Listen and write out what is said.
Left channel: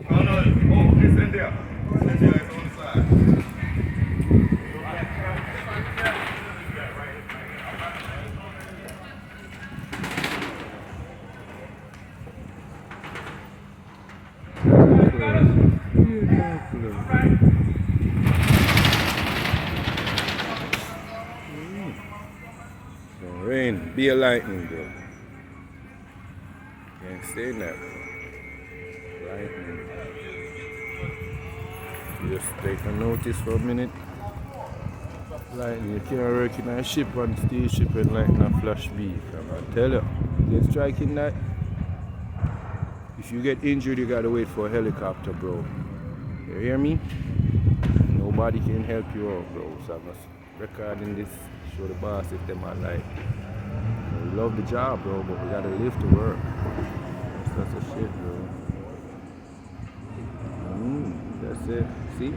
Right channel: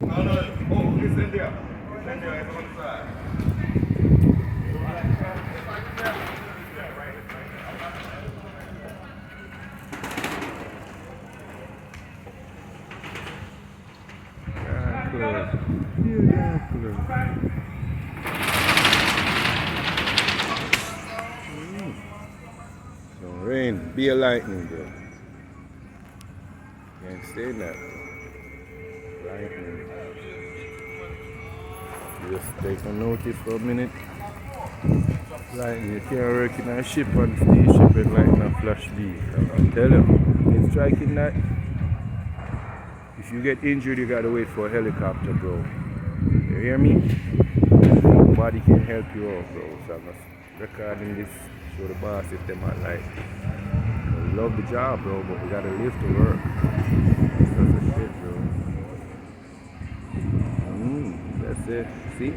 No, no. Oh, okay, send there. Send there outside. So rain, be a lightning, bro. Can't say that, bro. Lightning. Just take a notice for a minute. Lightning, you can't work in a ship on steel ship and lightning a flash beat. I tell you, it's striking that. If you get injured, you gotta wait for a helicopter, bro. You hear me? Nobody can help you out, bro. So I'm just recording this, show the boss if they might like it. We love the job, bro, but we gotta live to work. That's a shit, bro. That's it. See?